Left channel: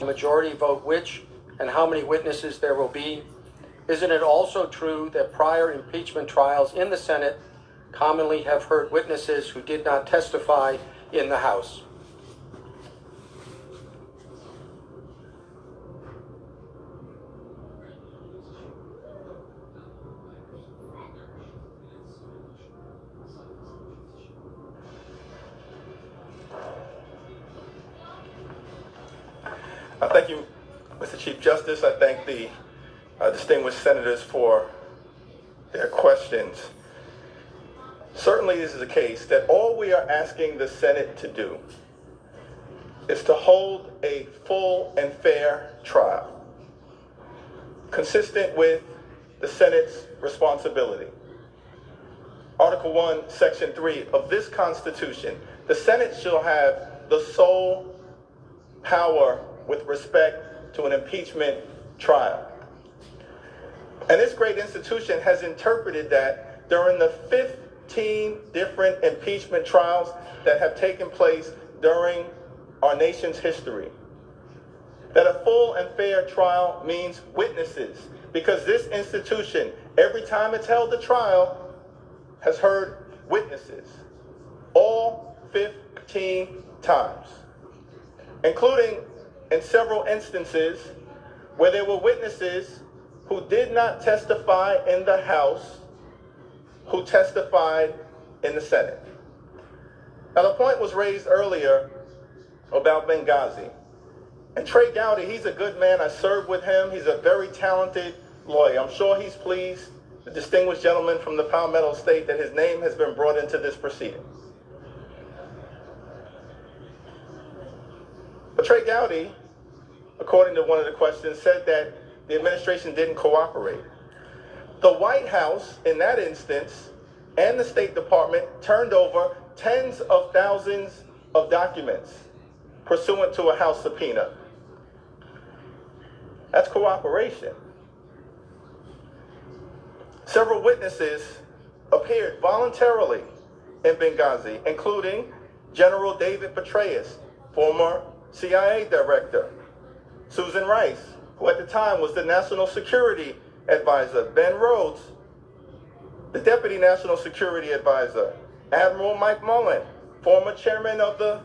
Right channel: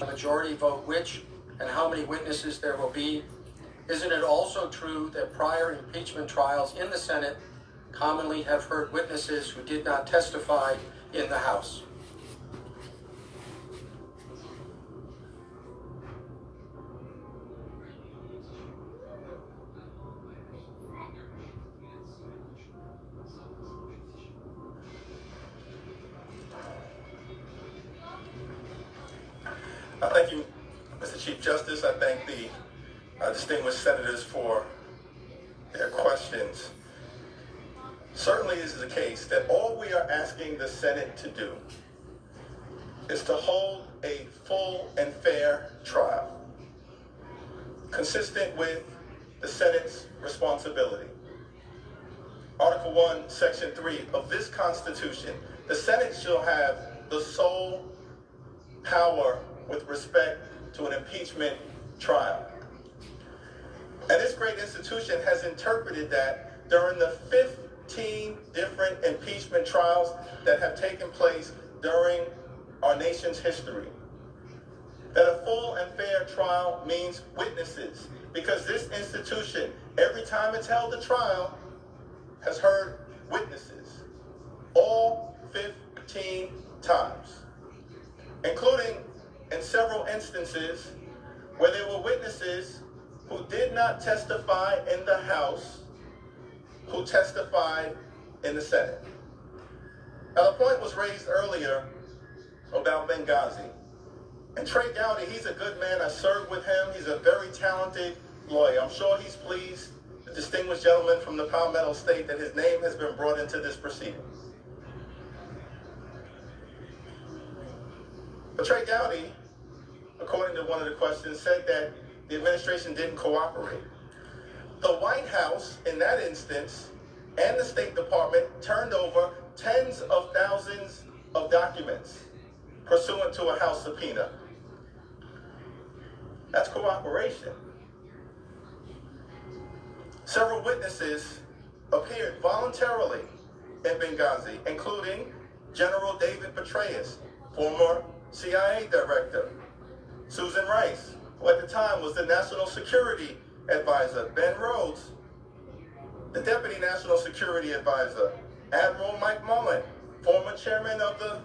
a majority vote which and how many witnesses there will be? Isn't it also true that prior impeachment trials in the Senate commonly have heard witnesses who did not testify in the House? Thank you, Mr. Chief Justice. I thank the distinguished senators for their questions. Certainly this is the case that all we are asking the Senate to do is to hold a full and fair trial, consistent with the Senate's responsibility. Article 1, Section 3 of this Constitution, the Senate shall have the sole power with respect to an impeachment trial. And this great institution has interpreted that during the 15 different impeachment trials that have taken place during our nation's history, that a full and fair trial means witnesses, because this institution, every time it's held a trial, has heard witnesses, all 15 times, including in several instances where there were witnesses who did not testify in the House, who testified in the Senate. Now, the point was raised earlier about Benghazi. And Trey Gowdy, he's a good man. I served with him. He's a very talented lawyer. I'm sure he's pleased, the distinguished gentleman from the Palmetto State, that his name has been brought into this proceeding. But Trey Gowdy, according to one of the questions, said that the administration didn't cooperate. The White House, in that instance, and the State Department turned over tens of thousands of documents pursuant to a House subpoena. That's cooperation. Several witnesses appeared voluntarily in Benghazi, including General David Petraeus, former CIA director, Susan Rice, who at the time was the National Security Advisor, Ben Rhodes, the Deputy National Security Advisor, Admiral Mike Mullen, former chairman of the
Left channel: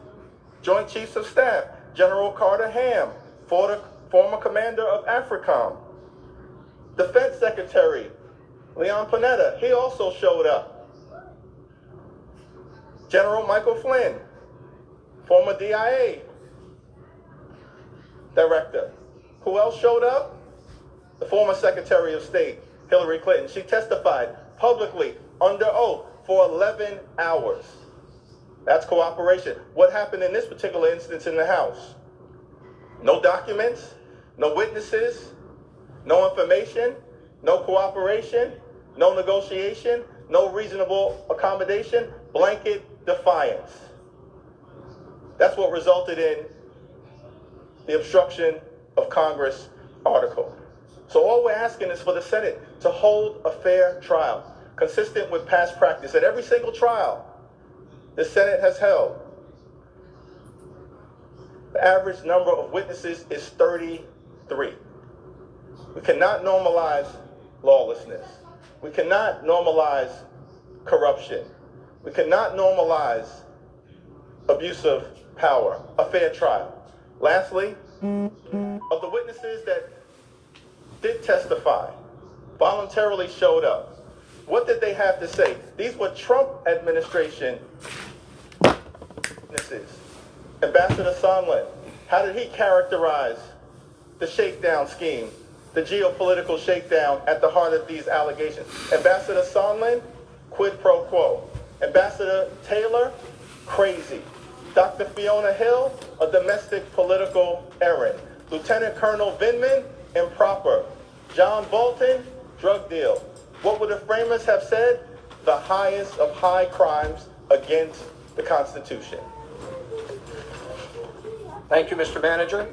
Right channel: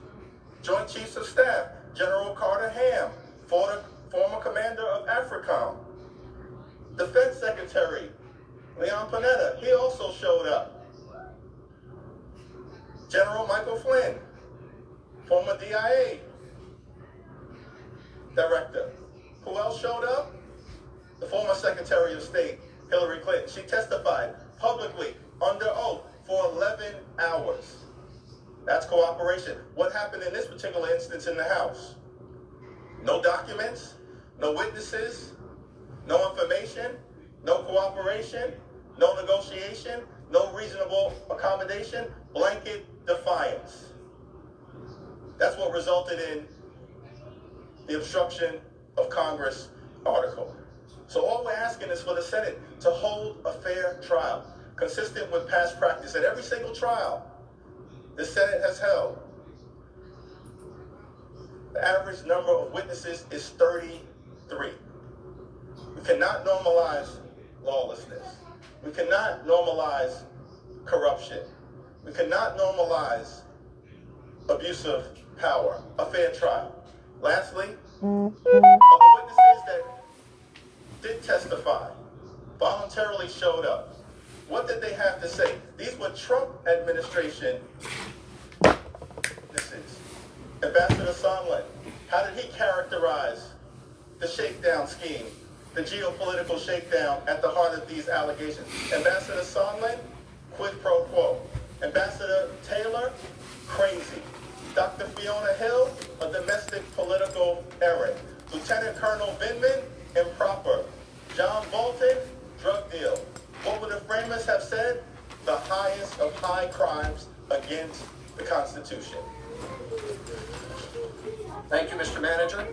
Joint Chiefs of Staff, General Carter Ham, former commander of AFRICOM, the Fed Secretary, Leon Panetta, he also showed up. General Michael Flynn, former DIA director. Who else showed up? The former Secretary of State, Hillary Clinton. She testified publicly under oath for 11 hours. That's cooperation. What happened in this particular instance in the House? No documents, no witnesses, no information, no cooperation, no negotiation, no reasonable accommodation, blanket defiance. That's what resulted in the obstruction of Congress article. So all we're asking is for the Senate to hold a fair trial, consistent with past practice. At every single trial the Senate has held, the average number of witnesses is 33. We cannot normalize lawlessness. We cannot normalize corruption. We cannot normalize abuse of power. A fair trial. Lastly, of the witnesses that did testify, voluntarily showed up, what did they have to say? These were Trump administration witnesses. Ambassador Sondland, how did he characterize the shakedown scheme, the geopolitical shakedown at the heart of these allegations? Ambassador Sondland, quid pro quo. Ambassador Taylor, crazy. Dr. Fiona Hill, a domestic political errand. Lieutenant Colonel Vindman, improper. John Bolton, drug deal. What would the framers have said? The highest of high crimes against the Constitution. Thank you, Mr. Manager.